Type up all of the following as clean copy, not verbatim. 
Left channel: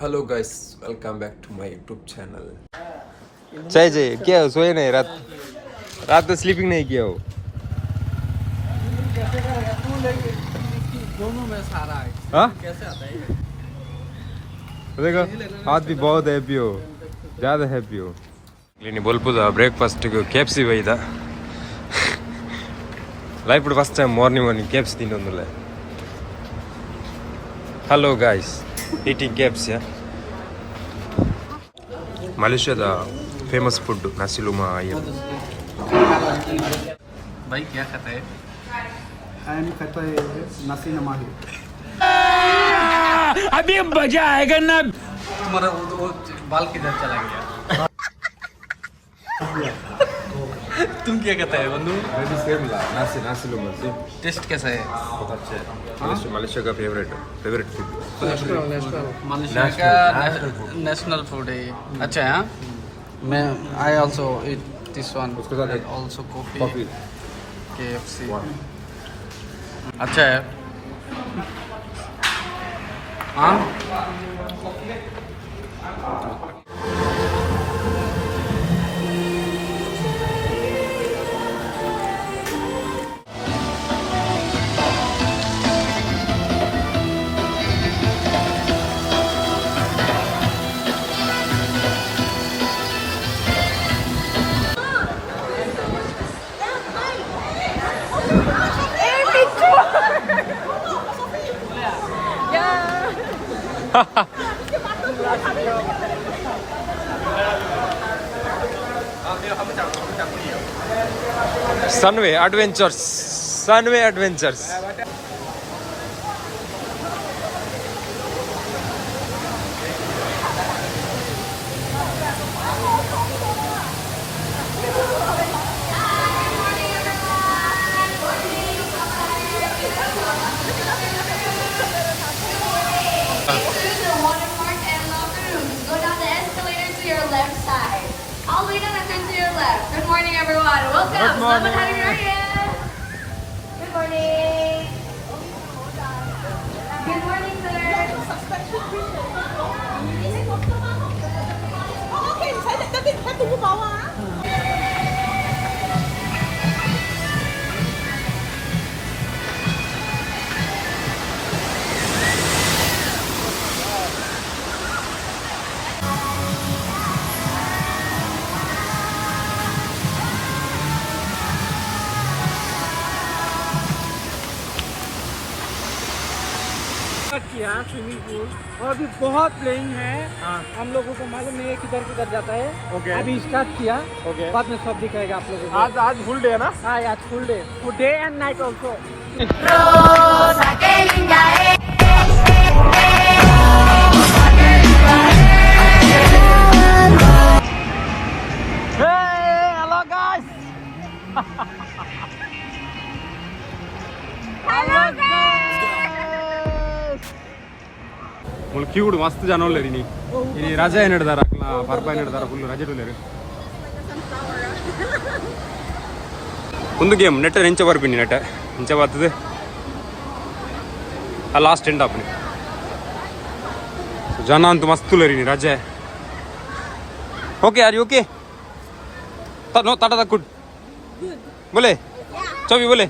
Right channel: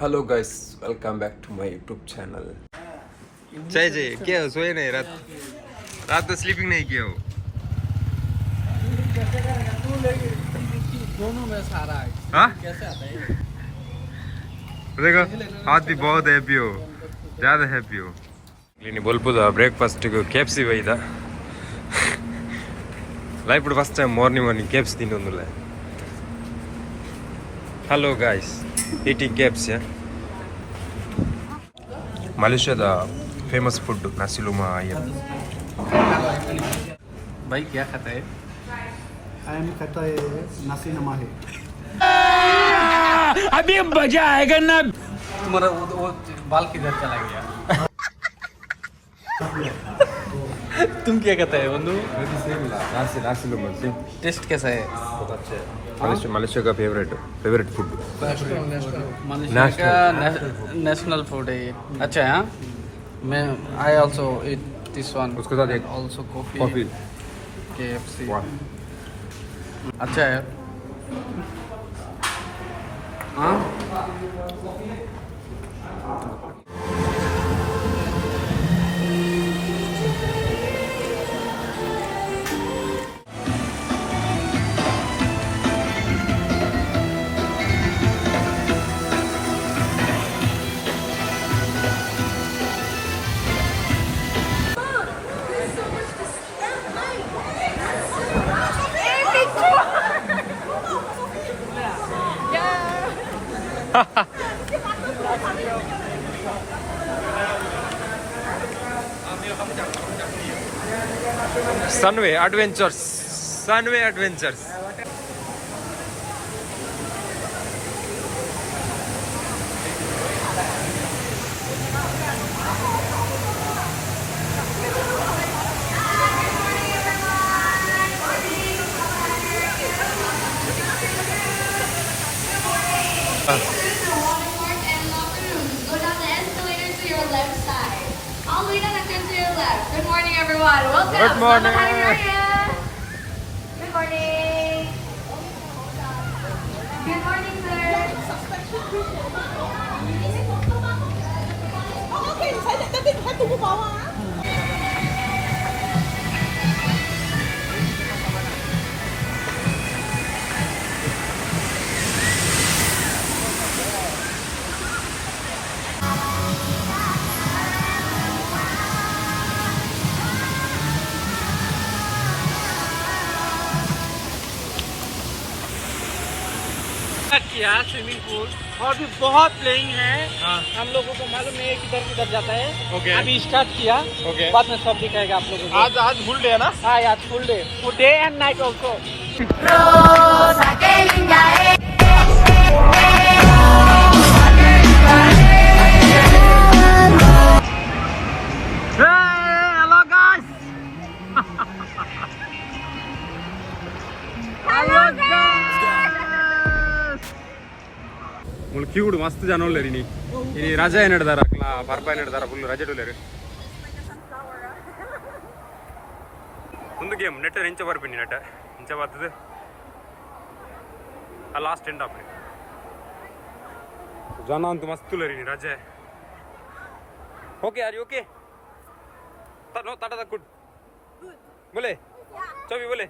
Hello guys, welcome back to my YouTube channel. जय क्या हो, सोए नहीं? रात तो स्लीपिंग नहीं किया हो? दोनों में सारा है। हाँ? कैसे आता है? देखो आज भी बहुत हैप्पी हो, ज़्यादा हैप्पी हो। लेकिन बोलपुदा ब्रेकफास्ट को केएफसी वही था। Life first time morning KFC ತಿನ್ನೋದಿಲ್ಲ. Hello guys, eating KFC. Malaysia famous food nasi lemak ayam. भाई क्या खाता है? I'm खाता है नसी नमा है। अभी मजा आएगा ना। तुम्हारा वो बाल किधर चला गया? तुम क्या खाता है बंधु? nasi lemak. टेस्ट कैसा है? बहुत अच्छा है. मलेशिया का फेवरेट फूड. मलेशिया का नेशनल फूड है ये. अच्छा है. हाँ, मैं I also eat this one and also coffee KFC. अच्छा है. हाँ. Sunway adventures. Go down the escalator to your left side. All the way down and then to your left. Good morning, everyone. Welcome. Good morning. Good morning. Good morning, sir. Okay, tapi saya tunggu bawah. किया swimming pool और भी बहुत playing है. हम लोगों को मालूम नहीं है किधर किधर जाता है. Okay. अभी स्टार्ट किया. Okay. बाद में सब दिखाएगा आप लोगों को. आज फुल डे है ना? हाँ, आज full day and night also. Hello guys. ಮುಲ್ಕಿಗುಡು ಮಸ್ತ್ ಜನ ಒಳ್ಳೆರಿ ನೀ ರಜೆ ಏನು ಹಿಡ್ದಾರ ಬರ್ಪ ಏನು ಹಿಡ್ದಾರ ಫುಲ್ ರಜೆ ಒಳ್ಳೆರಿ ಒಂದು ಗೇಮ್ ನೆಟ್ಟ ನೆಂಚ ಬರ್ಬಿನಿ ನೆಟ್ಟ ನೆಂಚ ಬರ್ತದೆ ಆ ಲಾಸ್ಟ್ ಎಂಡ್ ಆಪ್ನಿ ಜನ ಅಂತೂ ಮಸ್ತ್ ಉಳ್ಳರಿ ನೀ ರಜೆ ಓಕೆ ಆರ್ ಯು ಓಕೆ नो टाटा दा गुड बोले चौबी बोले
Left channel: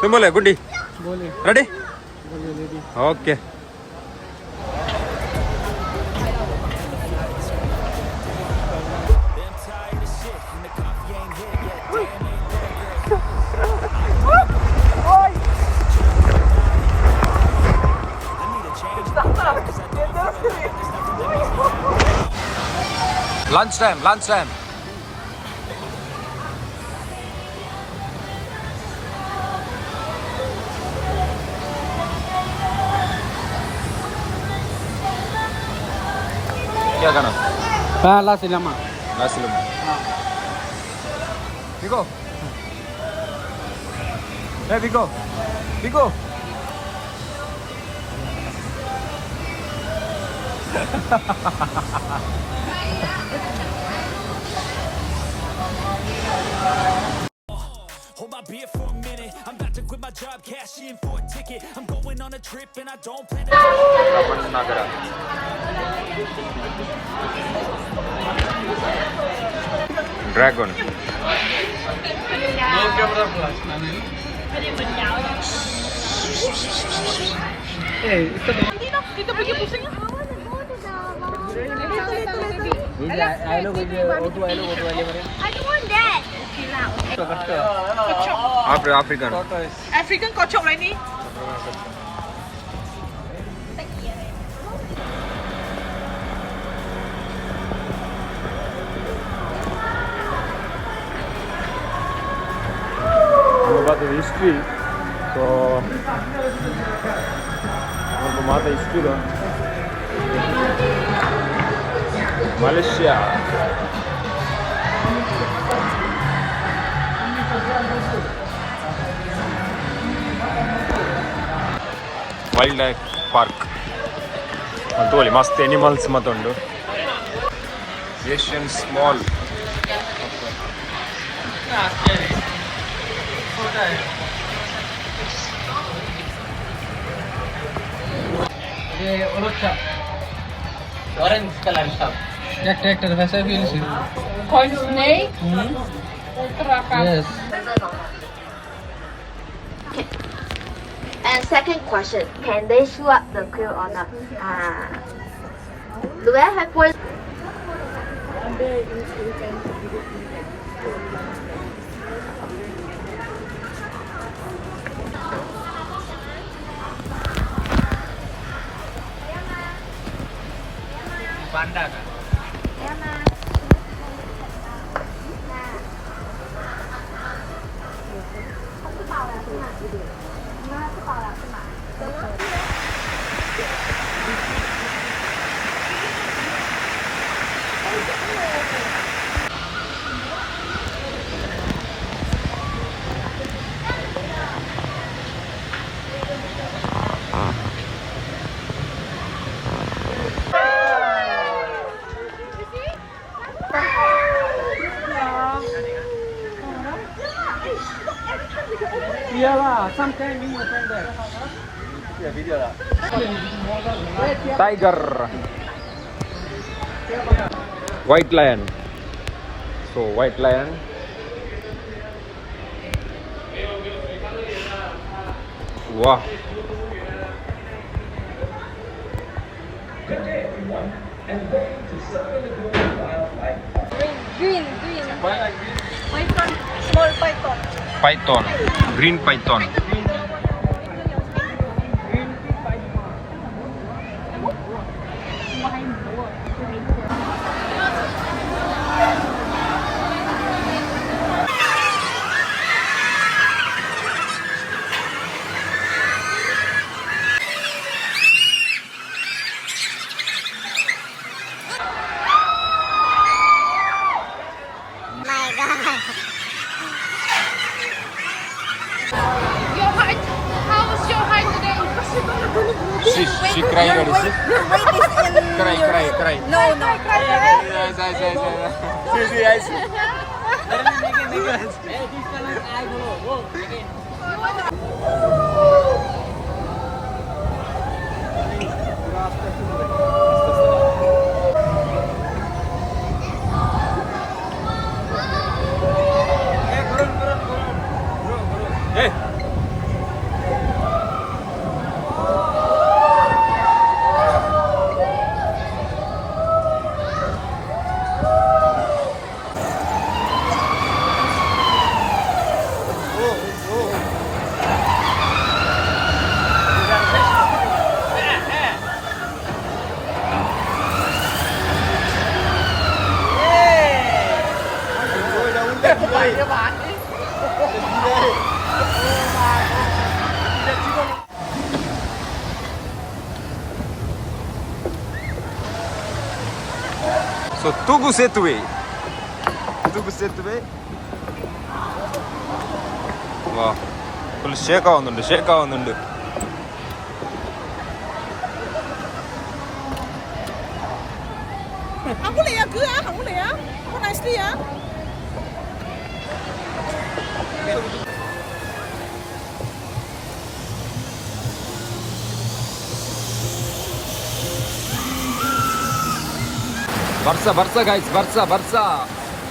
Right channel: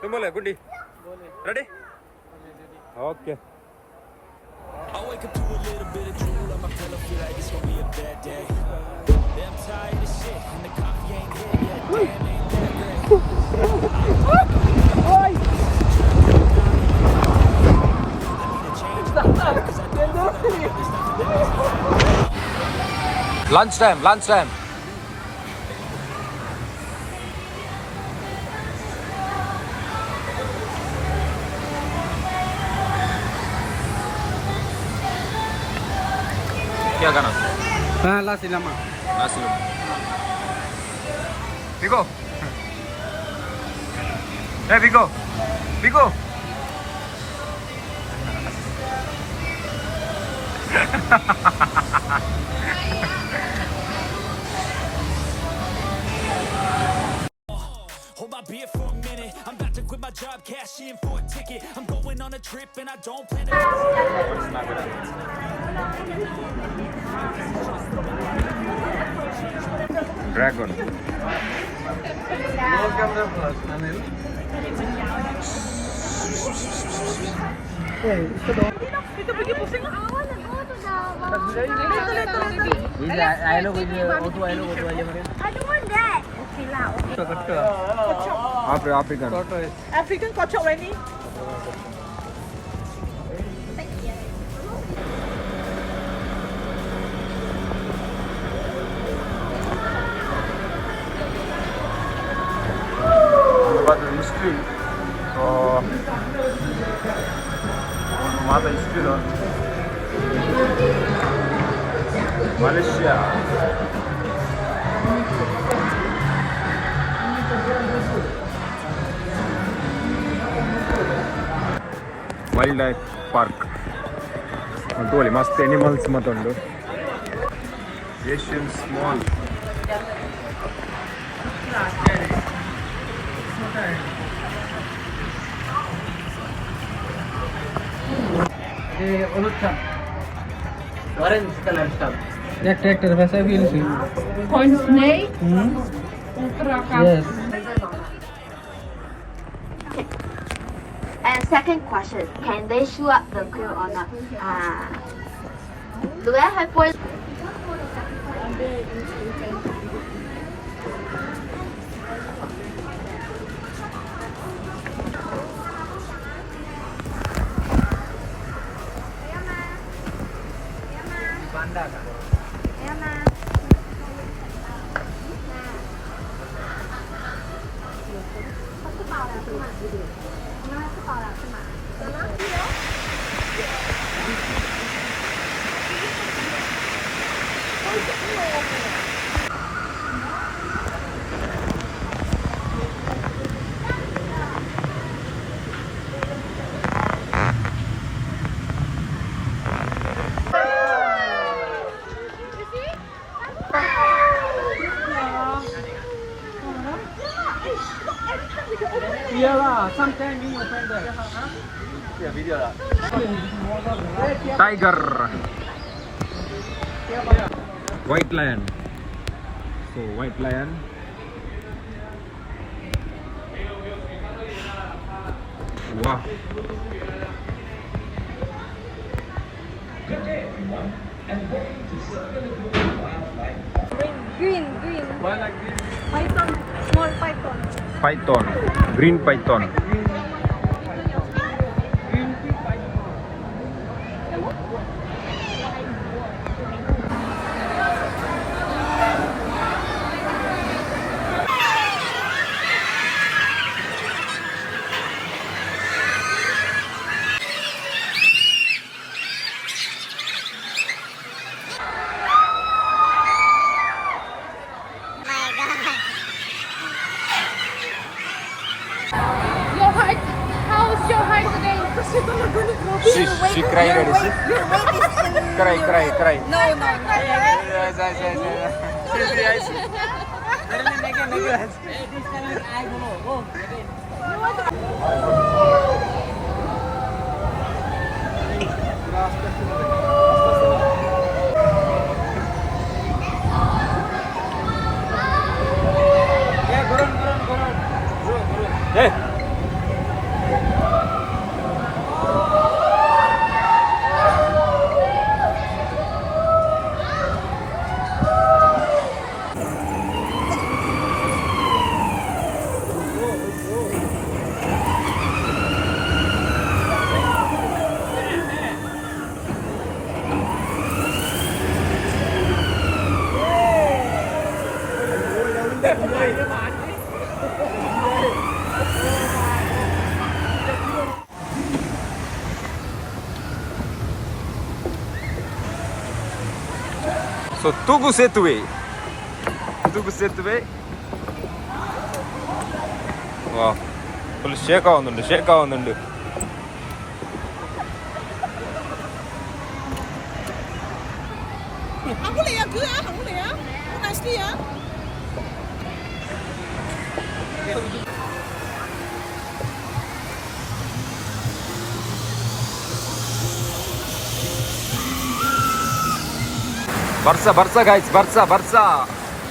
तुम बोले Guddi ready okay. Lunch time. क्या गाना? पहला cinema nasi lemak. Biko. Hey Biko. Hold my beer for a minute. I'm about to quit my job, cash in for a ticket. I'm going on a trip and I don't plan to. Dragon. No camera flash, Anil. Dito pergi pusing. I don't want that. Okay lah. Okay. African. African kocok lah ni. History. So, history. Malaysia. Wildlife park. ಅಂತ ಹೇಳಿ ಮಸ್ತ್ animals ಮತ್ತೊಂದು Asian small. Orange color stamp. Tractor वैसे भी इसे. Corn snake? Yes. And second question, can they shoot up the crew or not? Do I have poison? Panda का. Tiger. White lion. So white lion. Wow. Green. Python. Small python. Python. Green python. Your height? How is your height today? She cry already. See? Your weight is in. Cry. No. Hey. So Tugu Setue. Wow. Full shake ആവുന്നുണ്ട്. Không có lìa cứ á, không có lìa. Có nice đi á. Barca guys, Barca.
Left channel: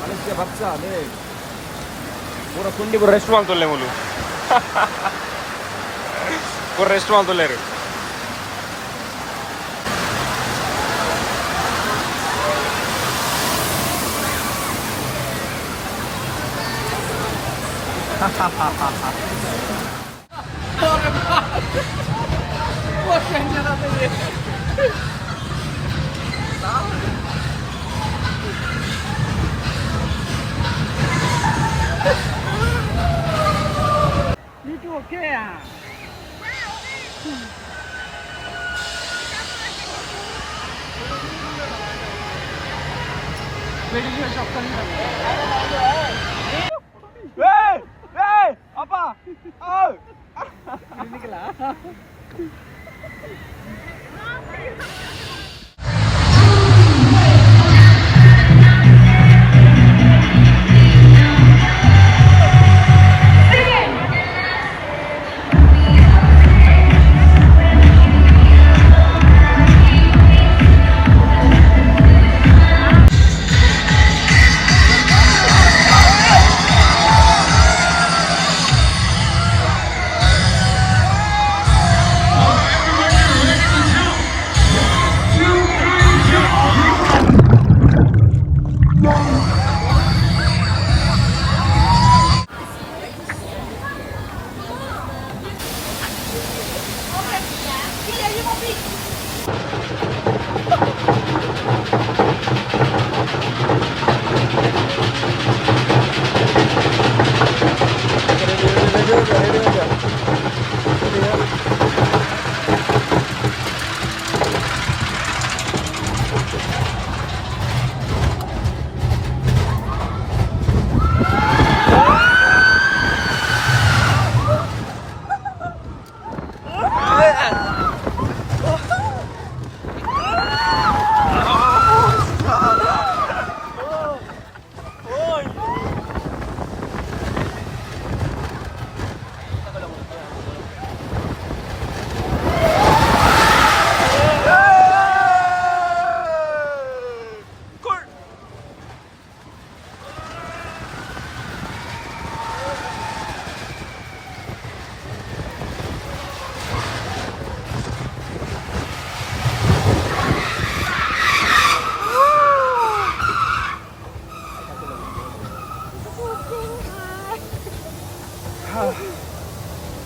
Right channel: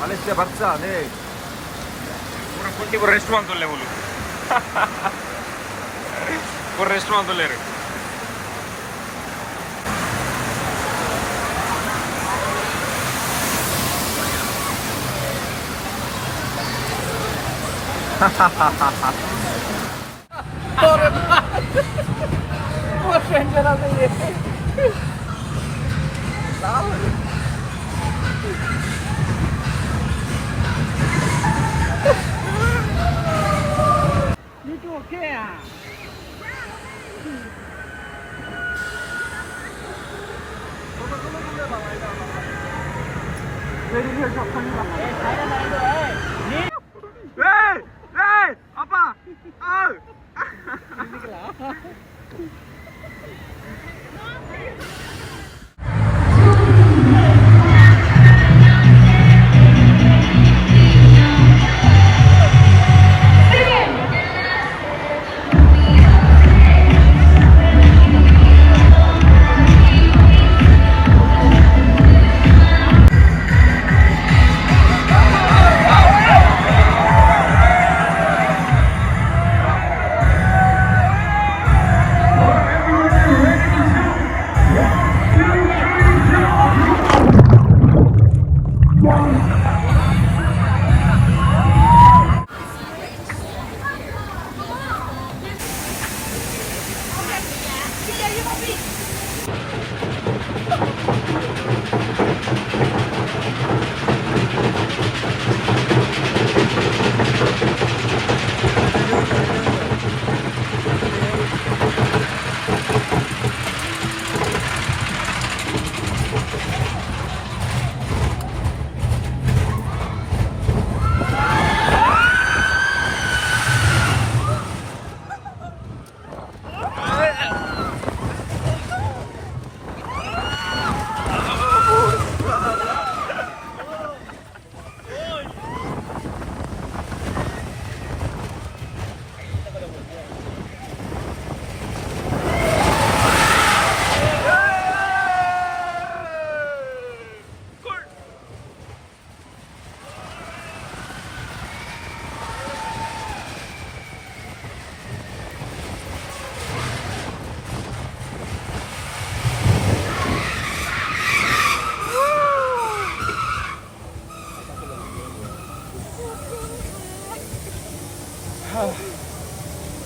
Malaysia Barca, ne. Pura kundi pura restaurant tolle mulu. Pura restaurant tolle. Itu okey ah. Hey, apa? Oh.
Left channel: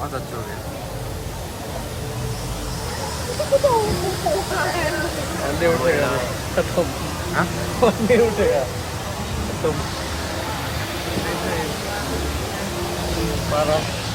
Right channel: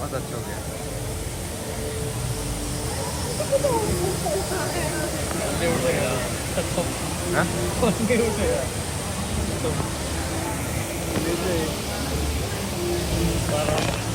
Mata चोगे हाँ? Parah.